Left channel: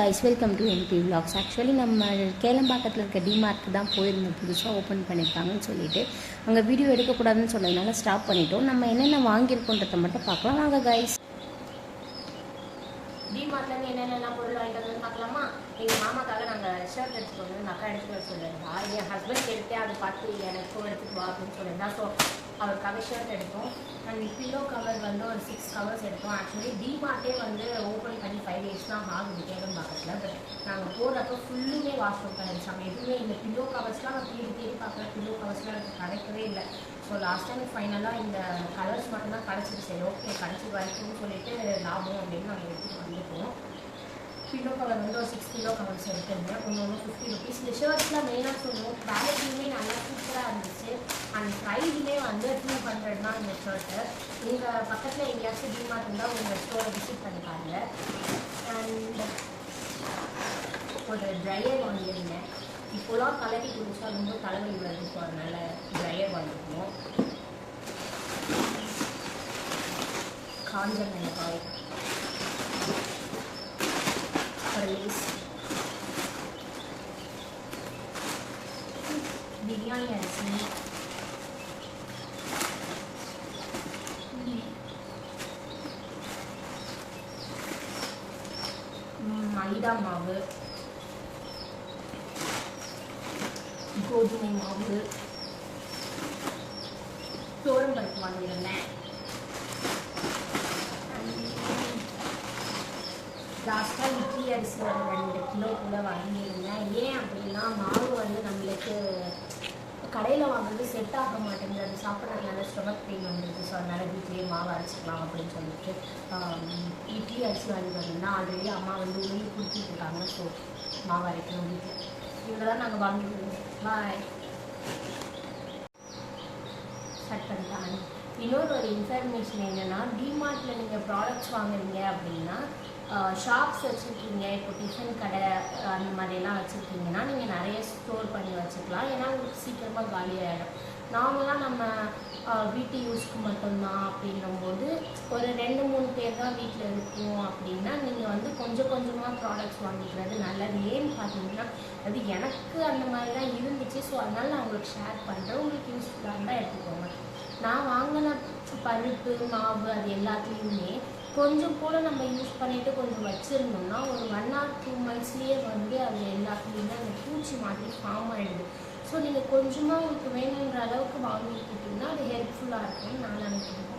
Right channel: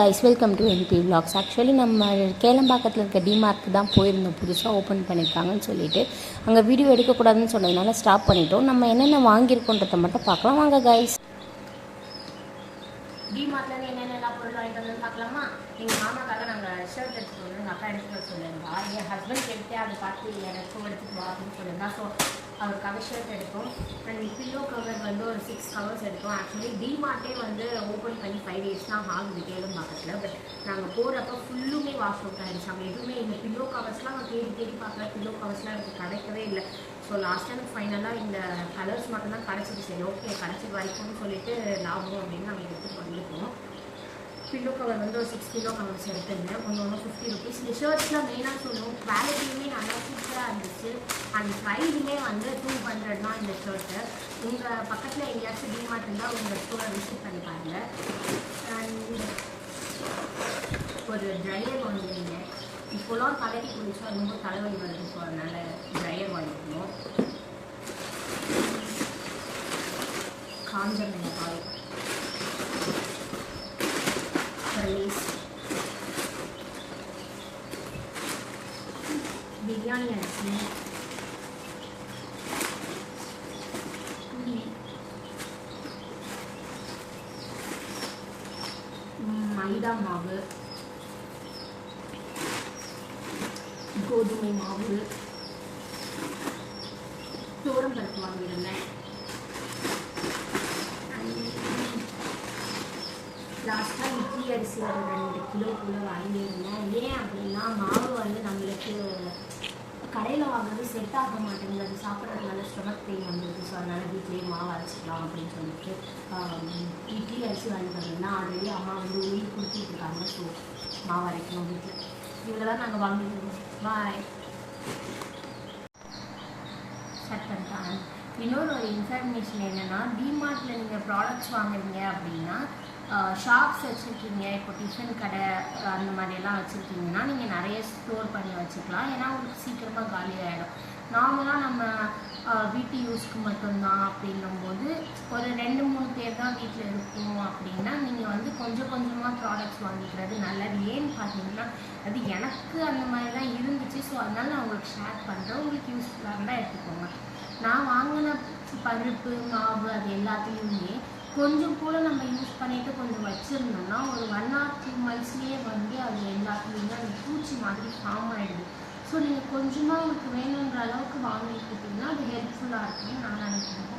Guys welcome to NP vlogs. Actually நம்ம கேளம்பாக்கத்தில் இருக்க டிமார்க்கு தான் போயிருந்தோம், புதுசாக ஓப்பன் பண்ணியிருக்காங்கன்னு சொல்லிட்டு. அங்கே வீடியோ எடுக்கக்கூடாதுன்னு சொன்னதுனால ஸ்டாப் பண்ணிட்டோம். நம்ம என்னென்ன வாங்கியிருக்கோன்றதை மட்டும் பார்க்கலாம் வாங்க கைஸ். டிமார்ட்லேருந்து என்னென்னலாம் பொருள் வாங்கிட்டு வந்து பார்க்கலாமா? எங்கள் மாமாக்காக நாங்கள் ஷர்ட் எடுத்துகிட்டு வந்து எங்கள் அக்கா எடுத்துகிட்டு வர சொல்லியிருந்தா. என் ஹஸ்பண்ட் எடுத்து அதை பார்த்து எனக்கும் எடுத்துகிட்டு வா அப்படின்னு சொல்லியிருந்தா. ஸோ அவருக்காக ஷர்ட் எடுப்போம். அண்ட் பில்லோ கவர் வந்து ஒரு 6 கவர்ஸ் எடுப்போம். ஆக்சுவலி டிமார்ட்டே வந்து ஓப்பன் பண்ணி 5 days தான் ஆகுது கேளம்பாக்கத்தில். பட் நாங்கள் போகிறப்போ ஃபுல்லுமே வாஷ் அவுட் ஆகிடுச்சு. அவங்க எதுவுமே இந்த பில்லோ கவர்ஸ்லாம் நான் தேடி பார்க்குறேன். பில்லோ கவர்ஸ்லாம் எனக்கு கிடைக்கவே இல்லை. ஸோ லாஸ்ட்டாக ஃபைனலாக இந்த கலர்ஸ் மட்டும்தான் கிடச்சிது. சரி ஓகே கிடச்சி வைக்கணும்னு சொல்லிட்டு லாபம் அப்படின்னு நாங்கள் எடுத்துகிட்டு வந்துருக்கோம். பில்லோ கவர் வந்து ஒரு 6 கிலோ கவர்ஸ் எடுத்துருந்தேன். ஒன்று 50 rupees. இந்த ஷர்ட்ஸ்லாம் மெயினாக சொல்லுவோம், குவாலிட்டியுமே நல்லா சூப்பராக இருந்துச்சு. அண்ட் ப்ரைஸுமே வந்து 200 தான் இந்த ஷர்ட்டு. உங்கள் பக்கத்தில் எங்கேயாச்சும் டிமார்ட் இருந்தால் உங்கள் ஸ்டோரை விசிட் பண்ணிப்பாங்க. அண்ட் ஒரு ட்ரையர் வாங்கியிருந்தேன். இப்போலாம் தலைக்கு குடிச்சா ரொம்ப தலைவலி வருது. ஸோ அதனால் ட்ரையர் வாங்கிக்கணும். காஞ்ச மிளகாய், பிரியாணி அரிசி, மைதா மாவு, கோதுமை மாவு, துவரம்பருப்பு வாங்கியிருந்தேன். லாஸ்ட்டாக இட்லி அரிசி ஒரு 2 கிலோ கூட வாங்கியிருந்தேன். ஏன் அப்படின்னா மாவு வந்து நம்மளுக்கு கடையில் வாங்குறது செட் ஆக மாட்டேங்குது. அது சாப்பிட்றதுனால ஸ்டொமக் பெயின் வந்துடுது. ஸோ அதனால் வீட்லேயே மாவு அரைச்சிக்கலாம் அப்படின்னு சொல்லிட்டு இட்லி அரிசி வாங்கிட்டு வந்தோம்னா ஆல்ரெடி அம்மா வந்து உளுந்து கொடுத்துருக்காங்க. ஸோ மாவு அரைக்கணும் வீட்டில். இவங்களாம் நாங்கள் வாங்கிட்டு வந்தோம். பாய் ஸ்டார்ட் பண்ணிட்டாங்க. இன்னொரு இன்ஃபர்மேஷன் என்னென்னா, டிமார்ட்டில் நீங்கள் ப்ராடக்ட்ஸ் வாங்குறீங்க அப்படின்னா ஷாப்ஸ் வச்சுருக்கீங்க, இப்போ டிஃபன் கடை அந்த மாதிரியெல்லாம் வச்சுருக்கீங்கன்னா நீங்கள் நிறைய ஸ்டோர் பண்ணி வச்சுக்கலாம். ஏன்னா உங்களுக்கு சீக்கிரமாக காலி ஆகிடும். நார்மலாக நம்ம வீட்டு யூஸ்க்கு மட்டும்தான் அப்படின்னும்போது ஒரு 2-3 பேர் தான் வீட்டில் இருக்கணும் அப்படின்னா நீங்கள் வந்து கொஞ்சம் கொஞ்சமாக ப்ராடக்ட்ஸ் வாங்கிக்கிறது நல்லது. ஏன்னு பார்த்தீங்கன்னா அது எனக்கு அந்த மாதிரி தான் இருந்துச்சு. ஸோ அதனால் நான் உங்களுக்கு ஷேர் பண்ணுறேன். உங்களுக்கு யூஸ்ஃபுல்லாக தான் எடுத்துக்கோங்க. நான் வாங்கின பருப்பு மாவு அது எல்லாத்துலேயுமே கொஞ்சம் கூட நம்ம யூஸ் பண்ணிவிட்டு கொஞ்சம் வச்சுருந்தோம்னா ஒரு 1 or 2 monthsலேயே வந்து அது எல்லாத்துலேயுமே அந்த பூச்சி மாதிரி ஃபார்ம் ஆகிடுது. ஸோ நீங்கள் கொஞ்சமாக உங்களுக்கு வேணுன்ற அளவுக்கு வாங்கிக்கிட்டிங்கன்னா அது ஹெல்ப்ஃபுல்லாக இருக்கும்னு நான் நினைக்கிறேன்.